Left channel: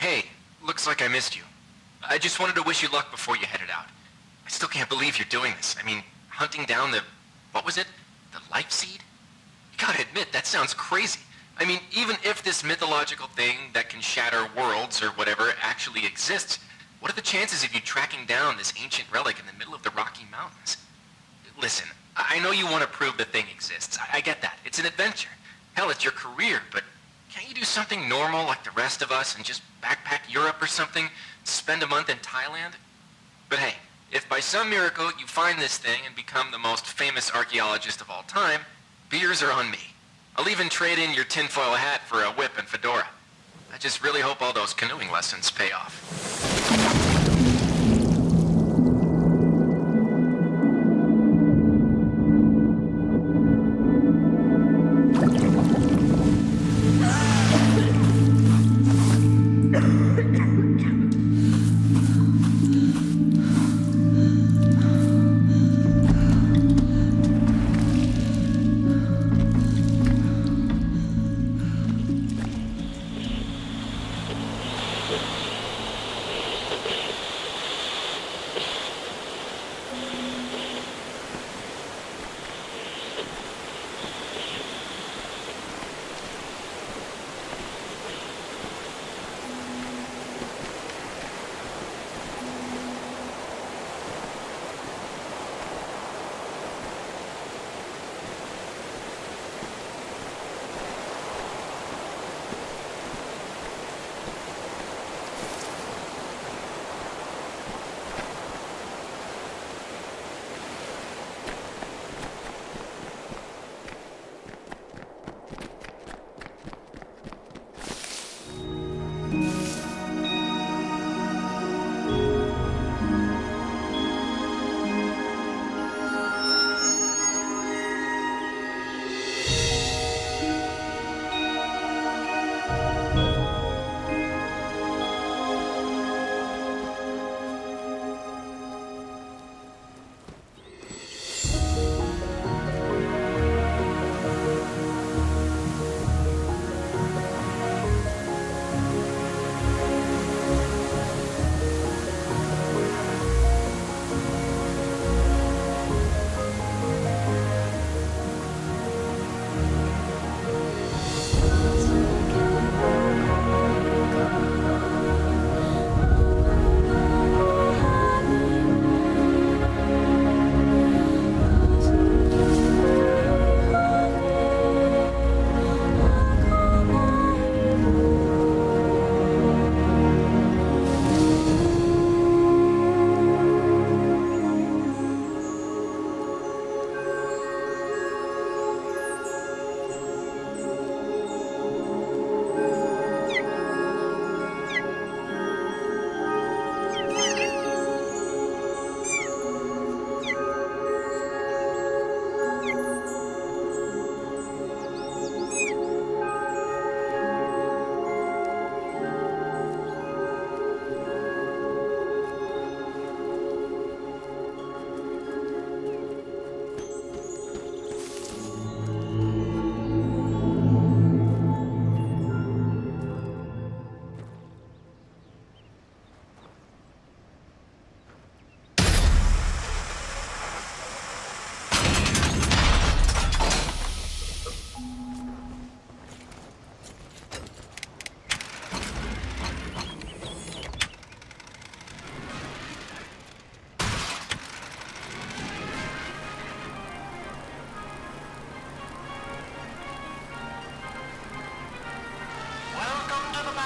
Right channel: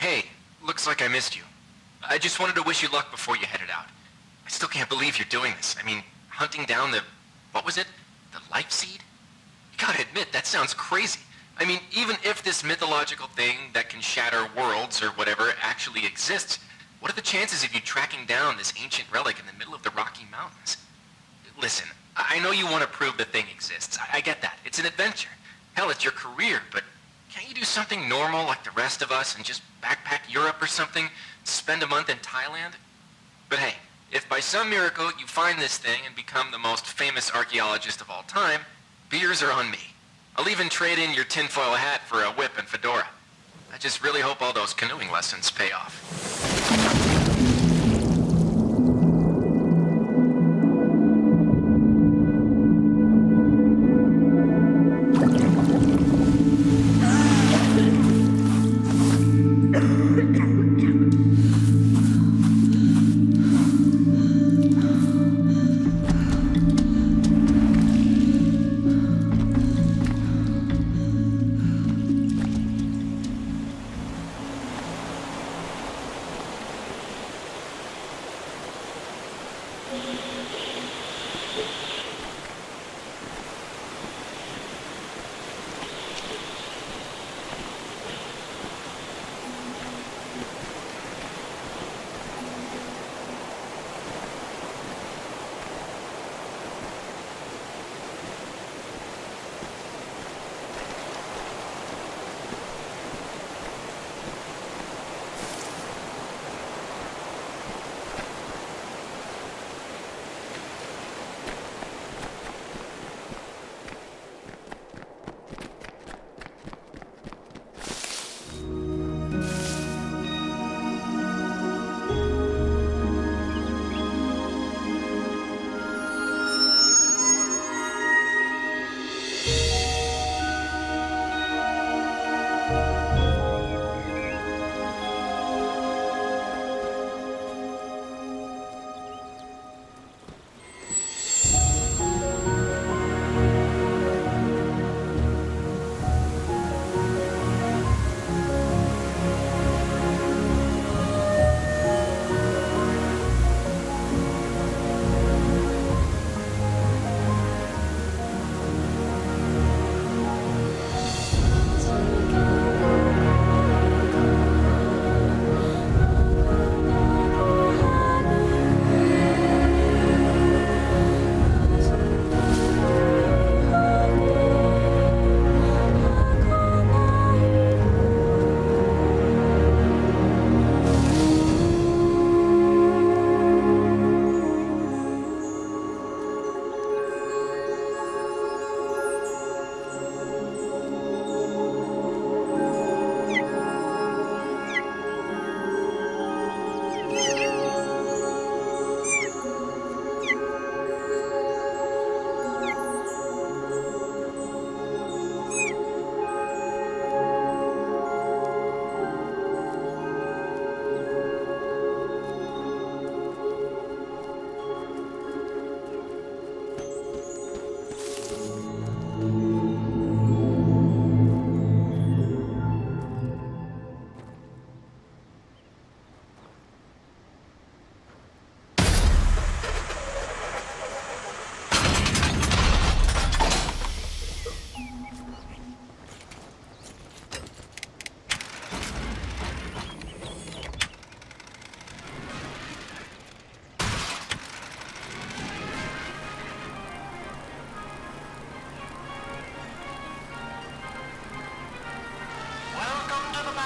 Hey, looks like I missed you. I just wanted to wish you luck before you headed out. I still can't believe you're doing this. I mean, hunting down the... what was it? The life seed? You gotta admit, that sounds crazy. I mean, even if this mythological thing that can shatter worlds or whatever actually exists, what are the chances of you tracking down this ancient relic in the middle of the Rocky Mountains? Listen, I know you want to prove the thing exists. I get that. It's an adventure. Hell, it's your career, but can't you do something normal like the rest of us and just backpack Europe or something? Spend a month in Thailand? But hey, if by some miracle you find this thing and become the most famous archaeologist of all time, beers are on me. I'll even trade in your tinfoil hat for a whip and fedora. I just really hope all those canoeing lessons pay off.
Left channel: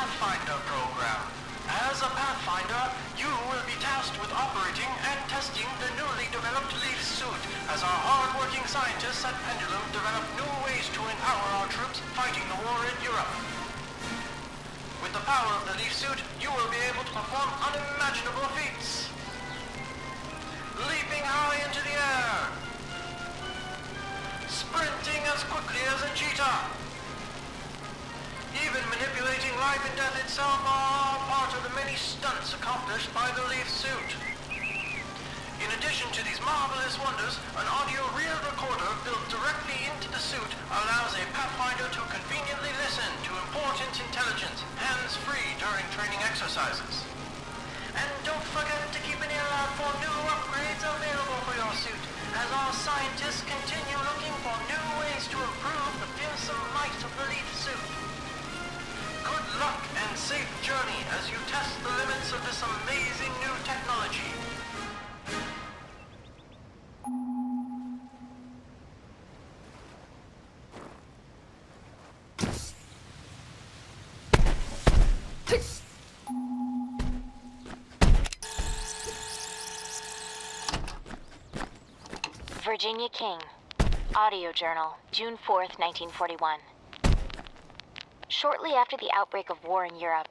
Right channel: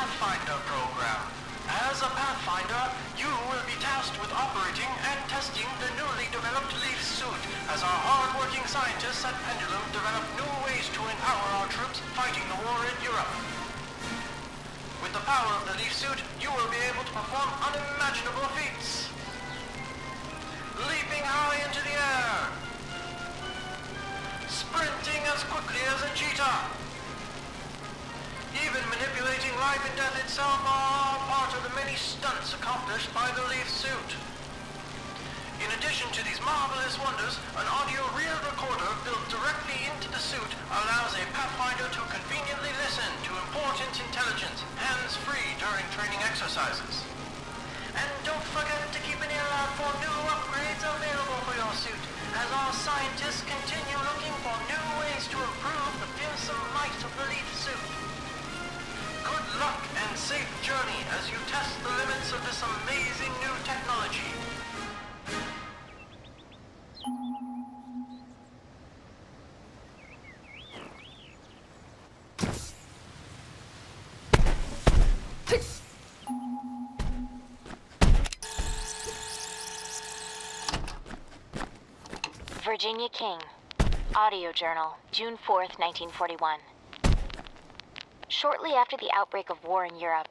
Pathfinder program. As a Pathfinder, you will be tasked with operating and testing the newly developed Leaf suit as our hard-working scientists at Pendulum develop new ways to empower our troops fighting the war in Europe. With the power of the Leaf suit, you will be able to perform unimaginable feats. Leaping high into the air. Sprinting as quickly as a cheetah. Even manipulating life and death itself are part of the many stunts accomplished by the Leaf suit. In addition to these marvelous wonders, an audio reel recorder built directly into the suit allows a Pathfinder to conveniently listen to important intelligence, hands-free during during training exercises. And don't forget to keep an ear out for new upgrades available for your suit, as our scientists continue looking for new ways to improve the fearsome might of the Leaf suit. Good luck and safe journey as you test the limits of this amazing new technology. Virginia King. Audio Journal, June 4th, 1941. Shortly after the outbreak of war in Europe,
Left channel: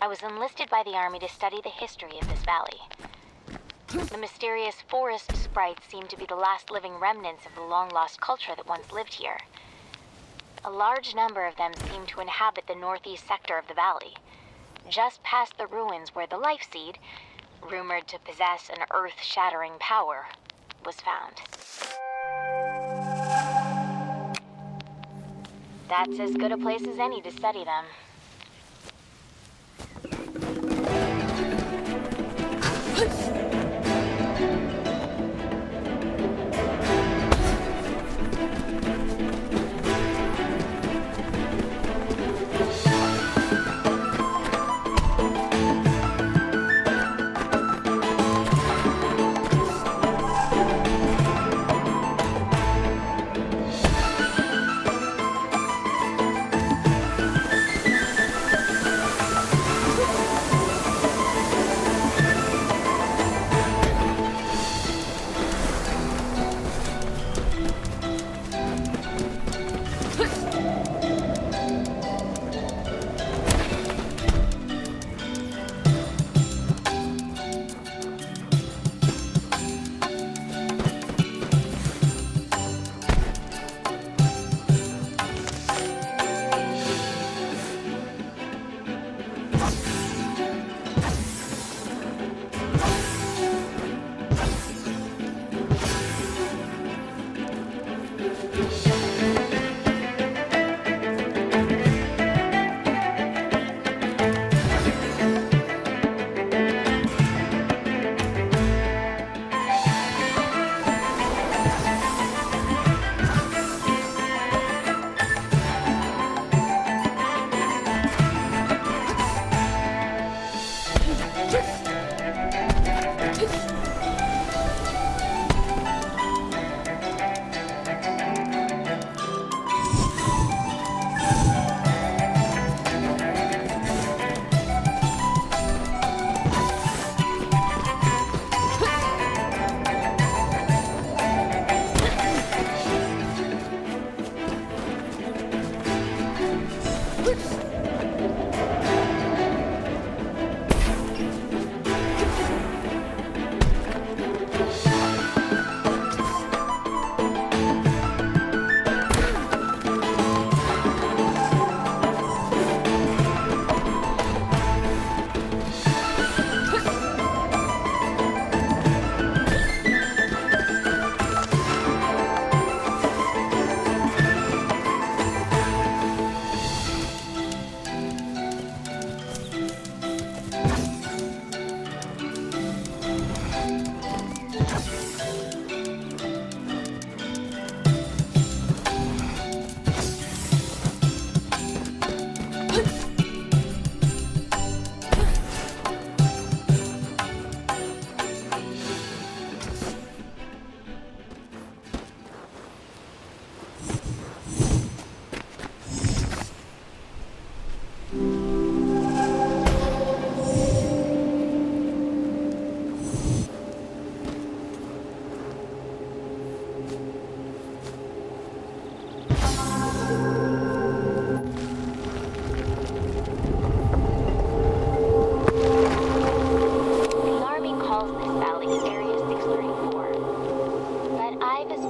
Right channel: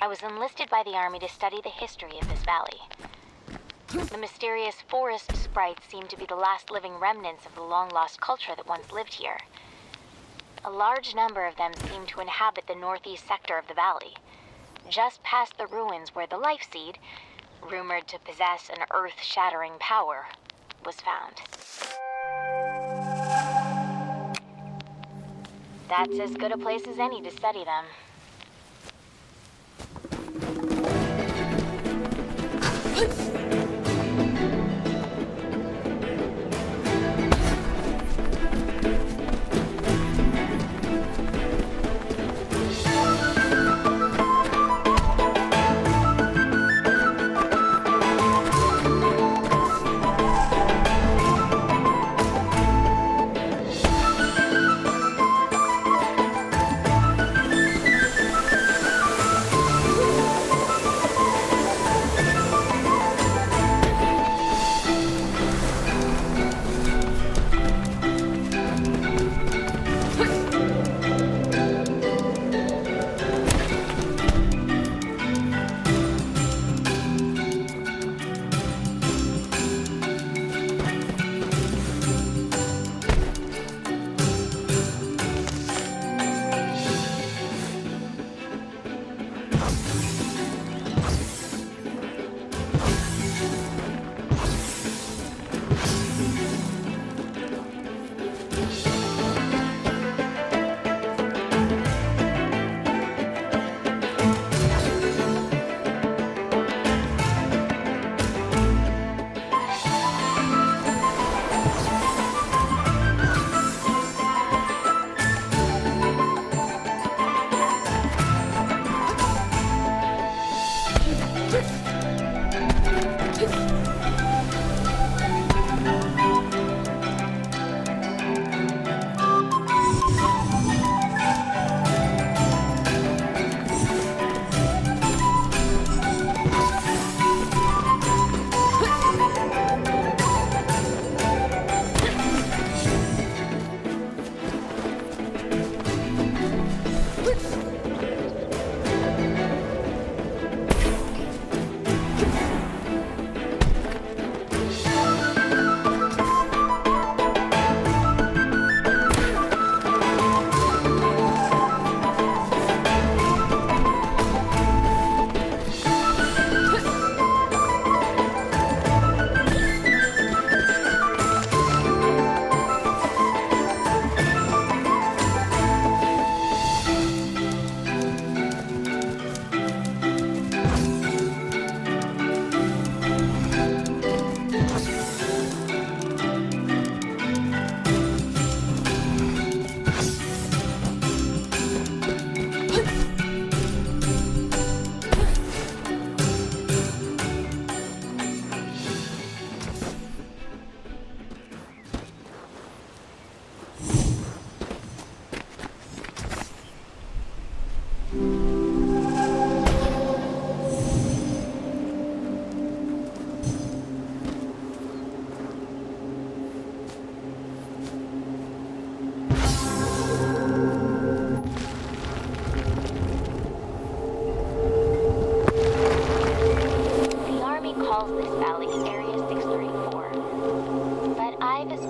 I was enlisted by the Army to study the history of this valley. The mysterious forest sprites seem to be the last living remnants of the long-lost culture that once lived here. A large number of them seem to inhabit the northeast sector of the valley, just past the ruins where the Life Seed, rumored to possess an earth-shattering power, was found. That's as good a place as any to study them.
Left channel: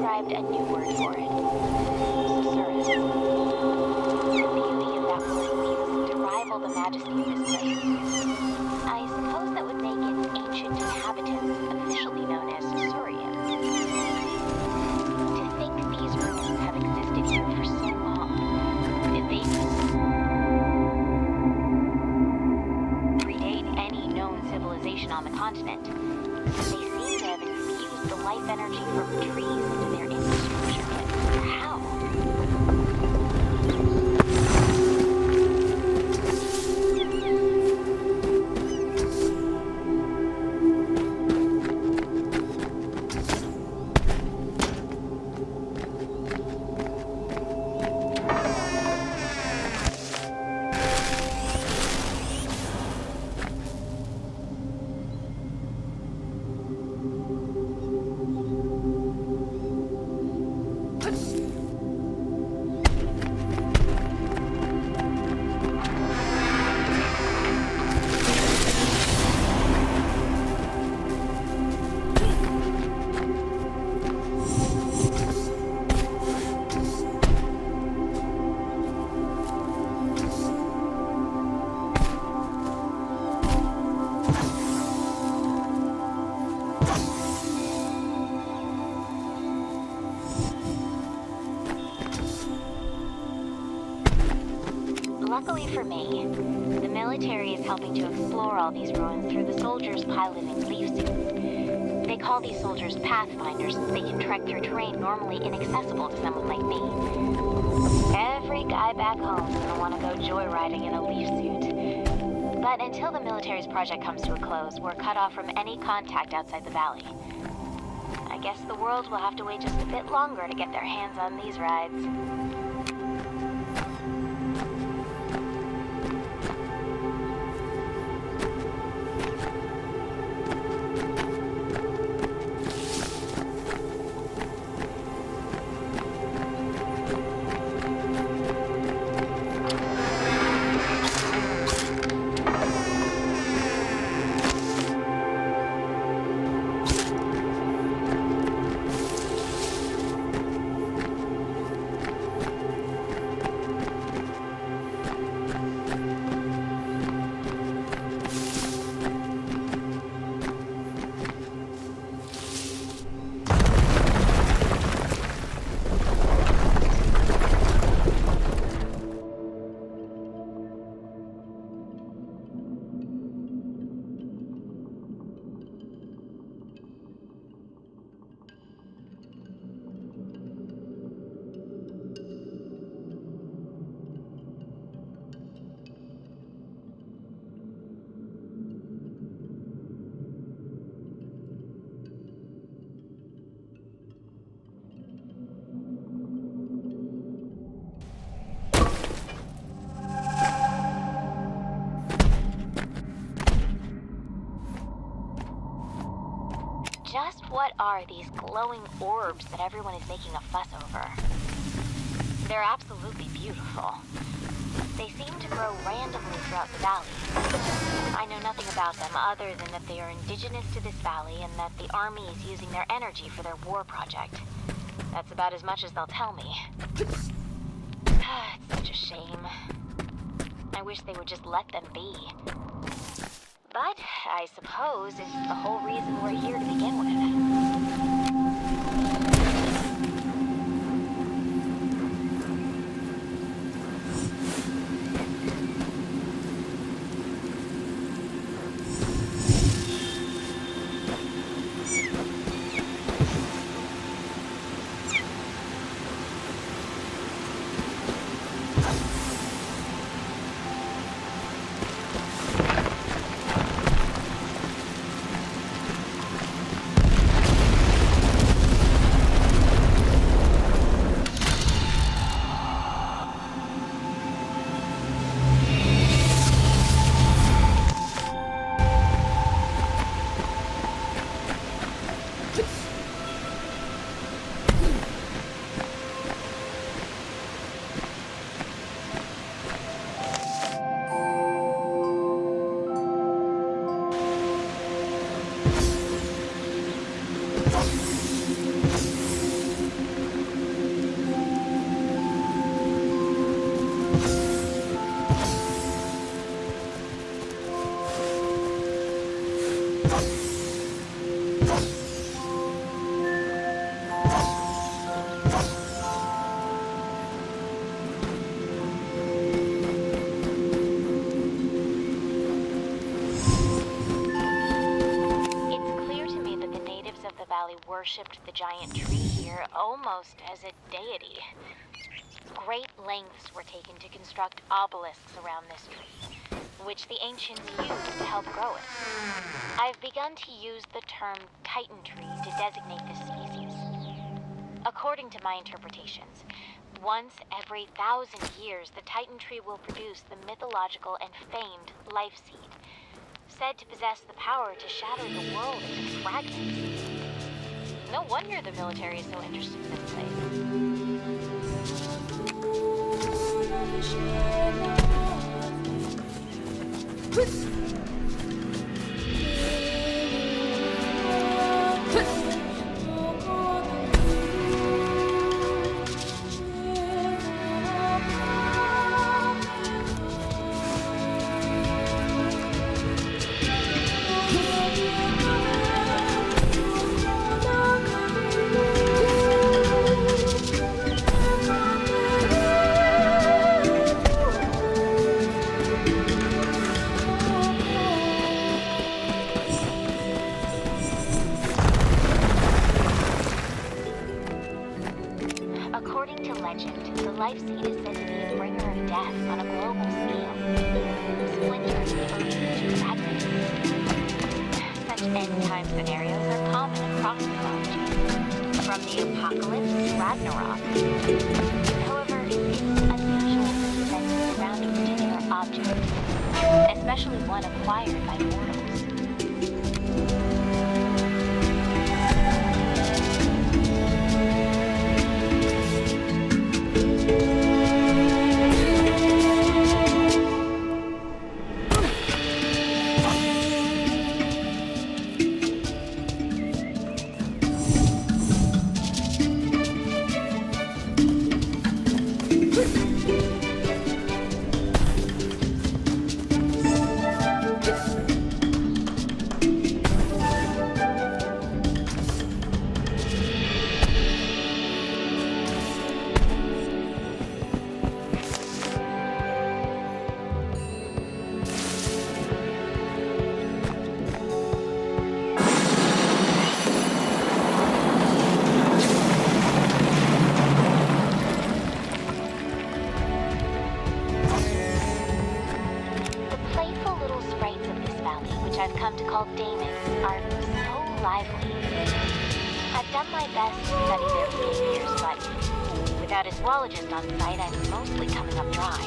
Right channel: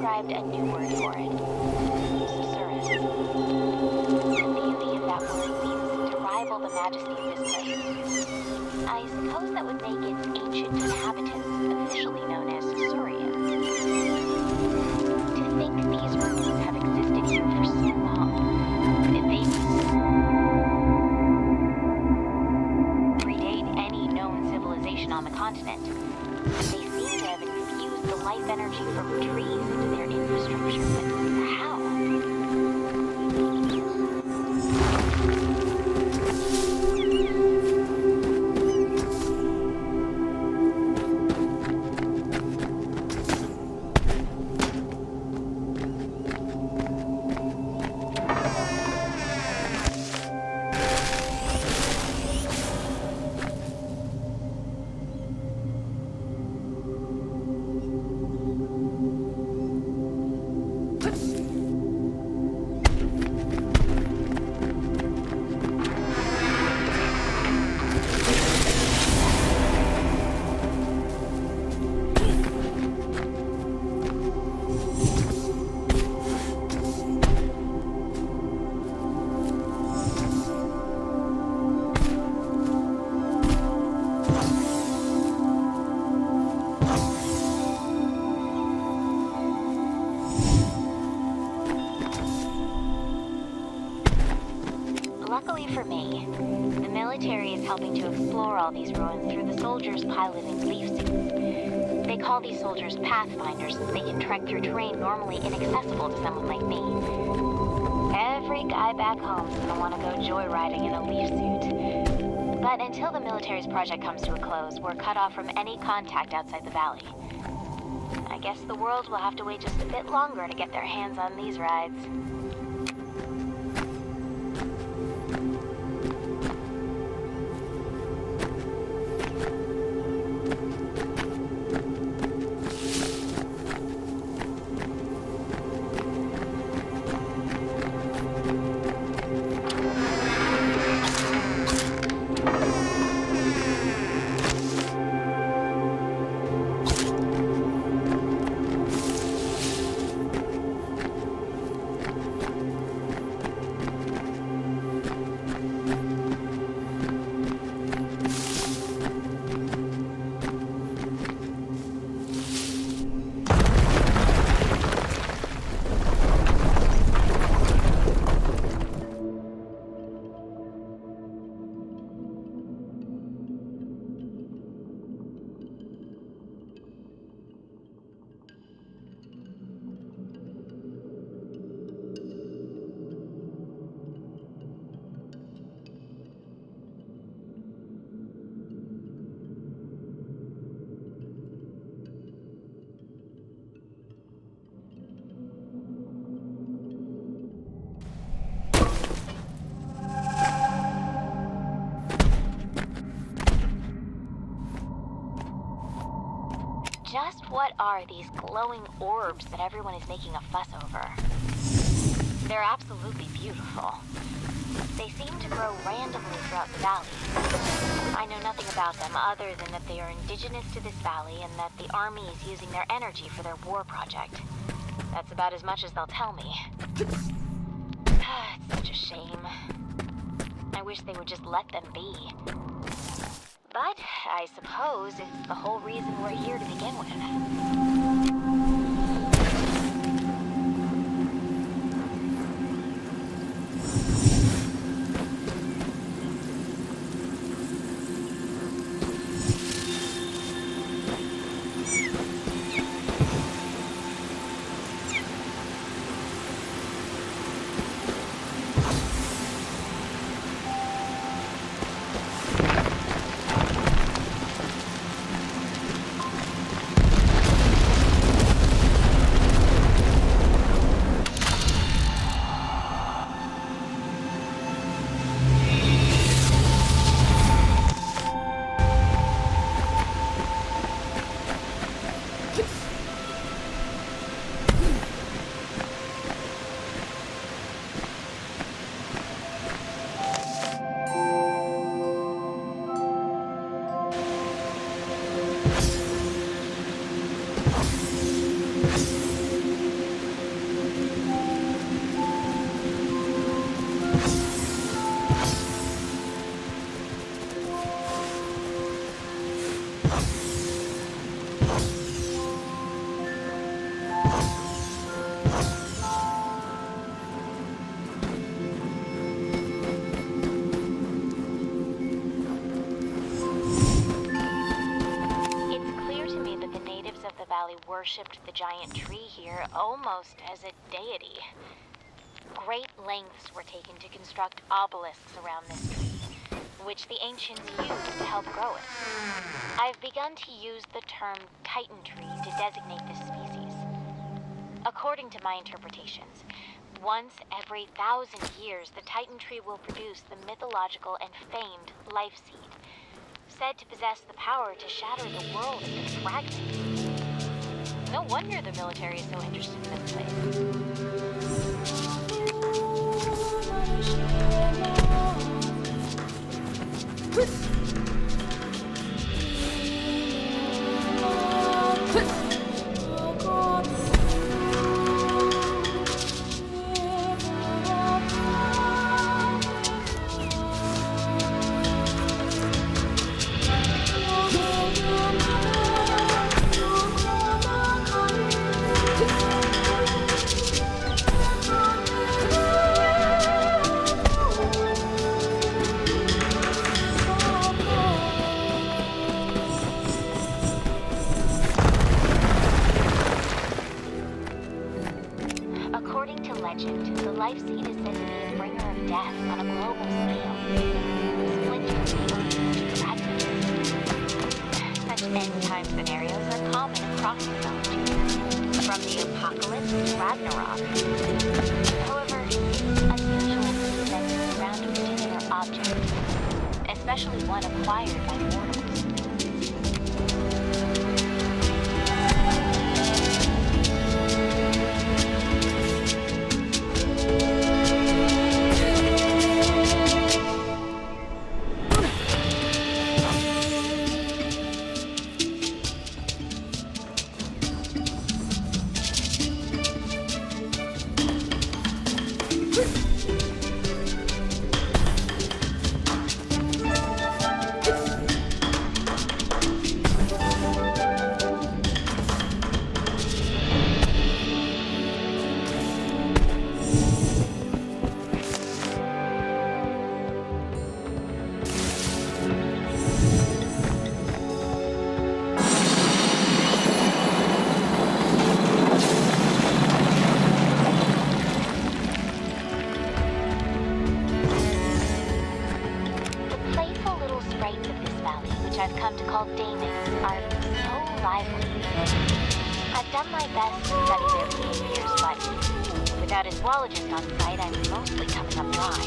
ascribed a new word for it. Susurrus. The beauty of that word seems to rival the majesty of this place. I suppose that would make its ancient inhabitants officially known as Susuria. To think these ruins have existed here for so long, any known civilization on the continent. They seem to have infused the life energy from trees into their infrastructure, but how? Luckily for me, the military is helping to explore all these ruins through the soldiers piloting leaf suits. They call these soldiers pathfinders since they can trek through terrain normally inaccessible to someone like me. Every guy back home's gonna want to go joyriding in a leaf suit. But until the military's project comes to a close, we're cut off from any contact outside the valley. I guess the world will have to wait just a bit longer to get their hands on these rides. Just what are these glowing orbs that everyone is making a fuss over? They're absolutely beautiful. They seem to grow randomly throughout the valley. I know nothing about them other than that they are indigenous to this valley and that the army is using their energy for their war project. That's about as much as they'll tell me. It's such a shame. I wish they would just let them be. But I suppose it's the whole reason we're here to begin with. Valley worshipped the giant tree here almost as a deity. Great lengths were taken to construct obelisks around this tree, which the ancients used to help grow it. I've begun to use the term Titan tree to designate this species. According to my interpretations, once every 1,000 years, the Titan tree will produce the mythological and famed Life Seed, said to possess the power to shatter the world into fragments. No wonder the military is so interested in this place. According to legend, the Life Seed is said to be a bringer of death on a global scale, splintering the earth into fragments. Such end-time scenarios are common across mythology, from the apocalypse to Ragnarok. However, it's unusual for the events surrounding a particular object, especially one acquired by mortals. I've come to call Daemons, are so lively. I've done my best to study their behaviors, but without a zoologist on site, I'm mostly coming up dry.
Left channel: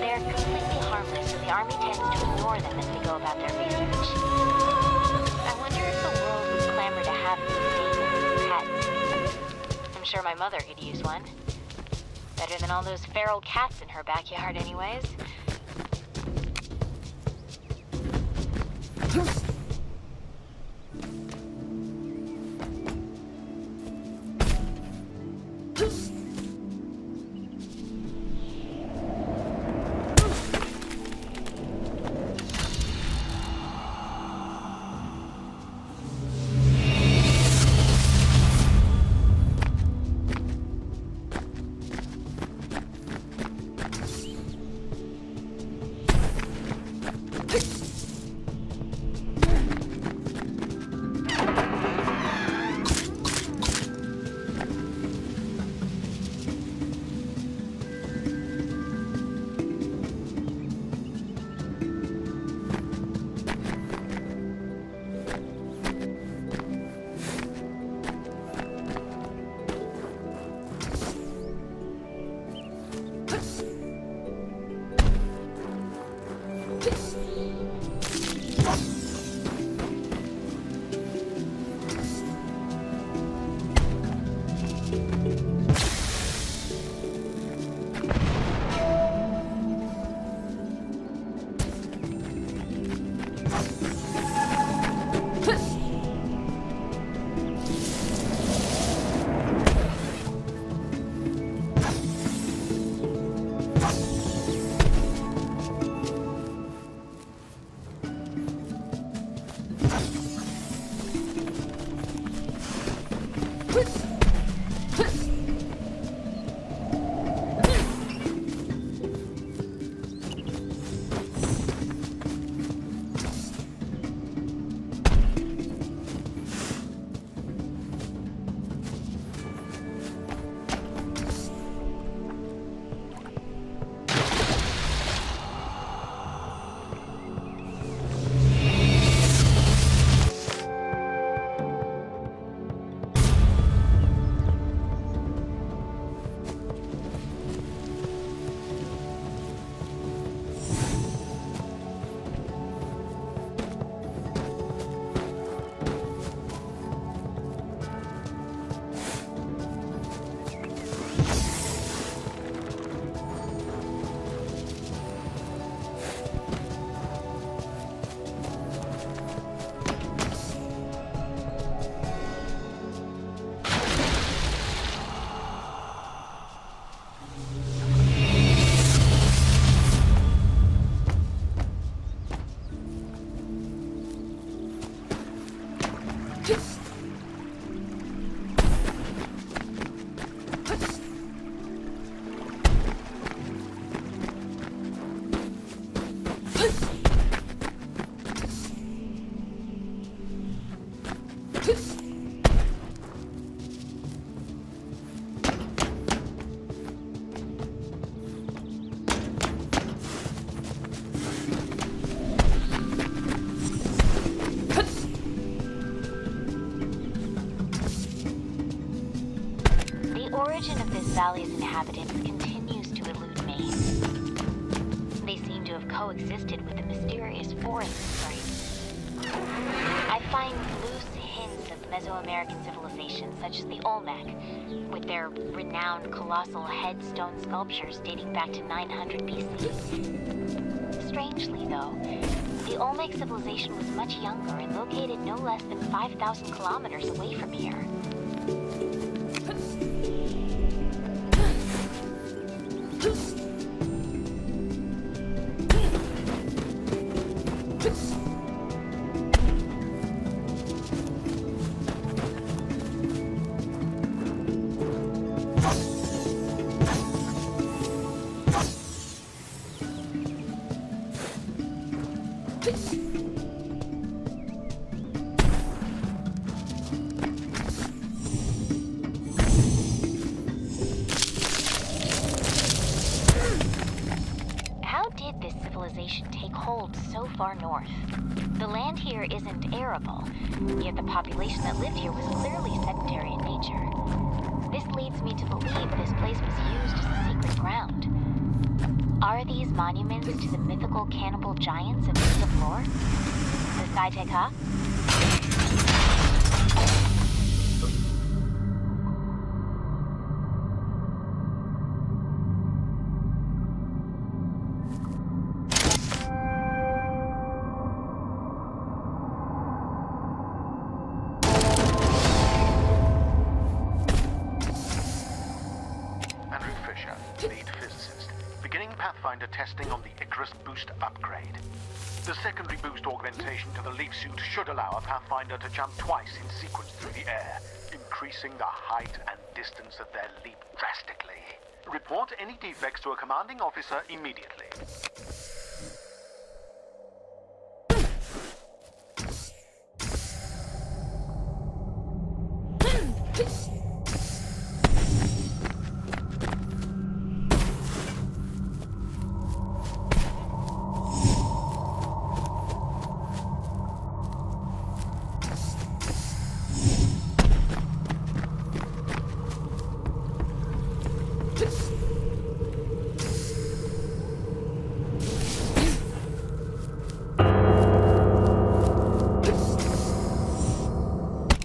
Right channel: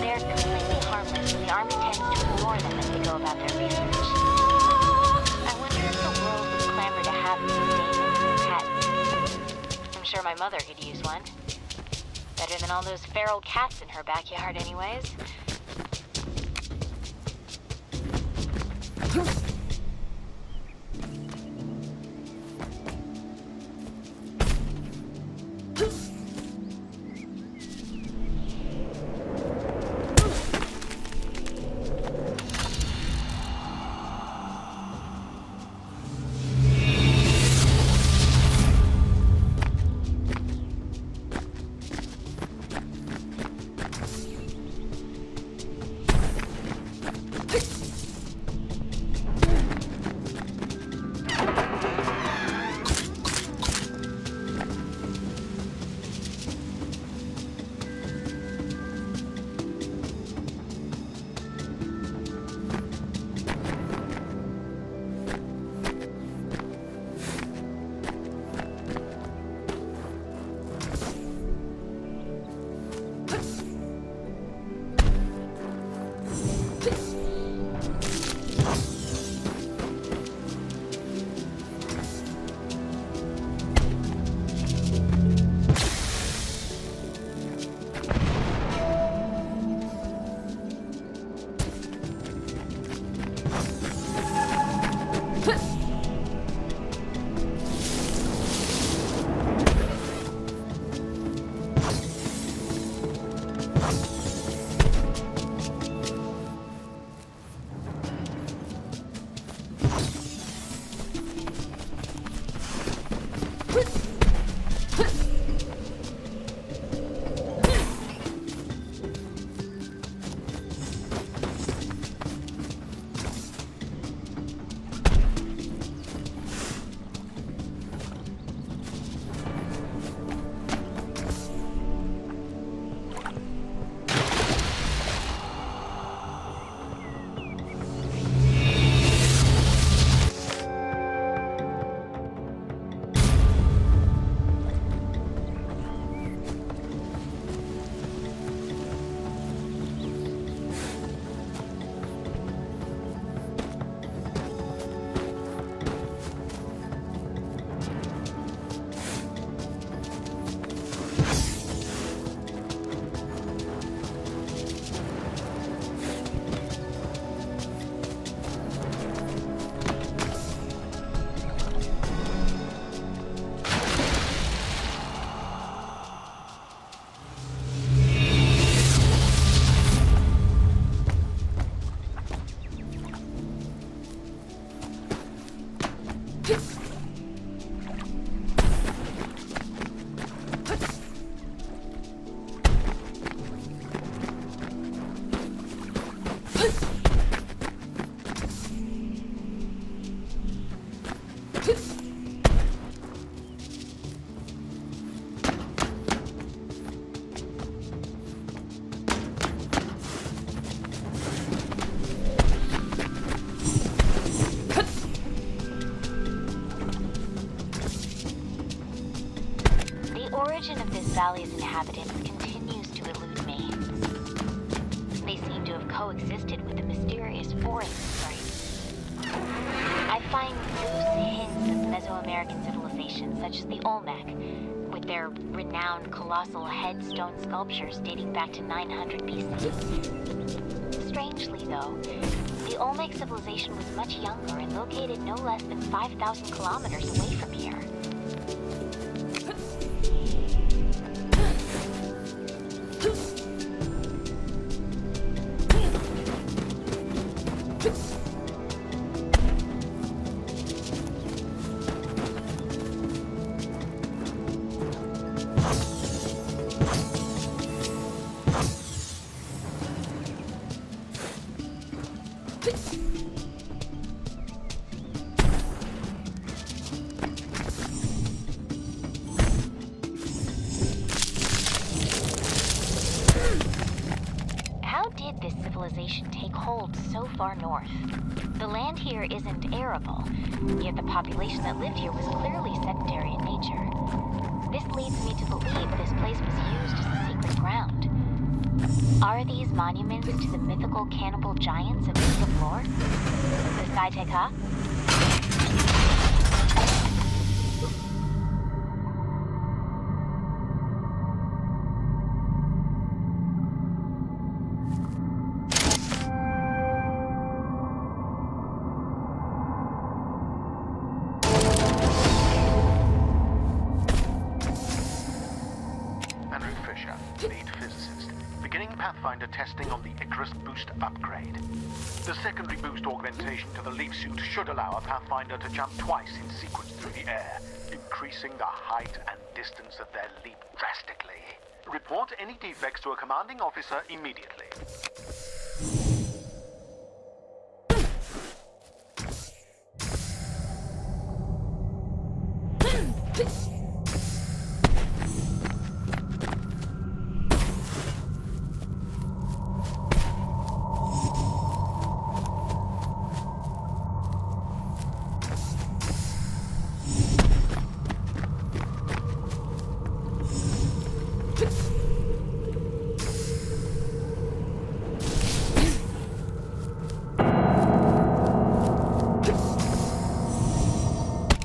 They're completely harmless, so the army tends to ignore them as they go about their research. I wonder if the world would clamor to have these Daemons as pets. I'm sure my mother could use one. Better than all those feral cats in her backyard anyways. mysterious forest sprites. I find loose hints of Mesoamerican civilization, such as the Olmec, with their renowned colossal headstone sculptures dating back to 900 BC. Strangely, though, the Olmec civilization was much younger and located no less than 5,000 kilometers away from here. How did this civilization take hold so far north? The land here isn't arable, yet the population that lived here was clearly sedentary in nature. This leads me to believe this place was used as a sacred ground. Are these monuments to the mythical cannibal giants of native lore? The Saiteka? Andrew Fisher, lead physicist, beginning Pathfinder testing on the Icarus boost upgrade. The secondary boost augmentation to the leaf suit should allow a Pathfinder to jump twice in sequence through the air, increasing the height and distance of their leap drastically. Report any defects to a commanding officer immediately.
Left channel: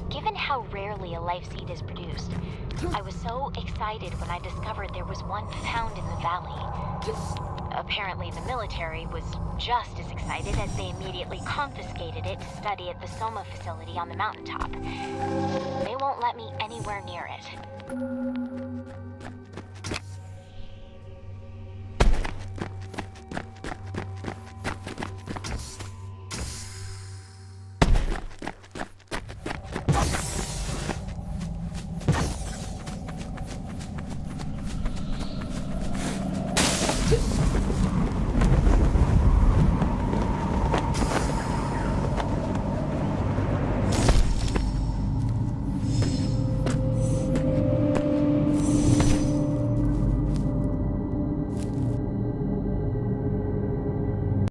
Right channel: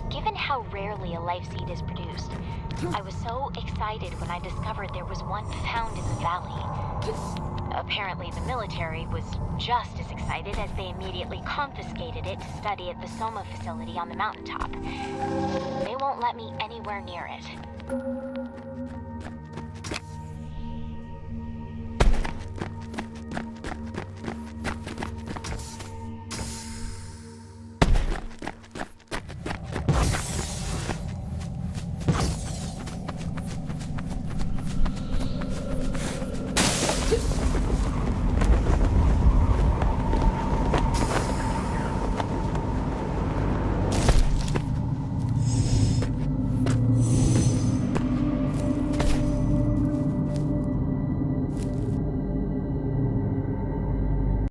Given how rarely a life seed is produced, I was so excited when I discovered there was one found in the valley. Apparently the military was just as excited as they immediately confiscated it to study at the Soma facility on the mountaintop. They won't let me anywhere near it.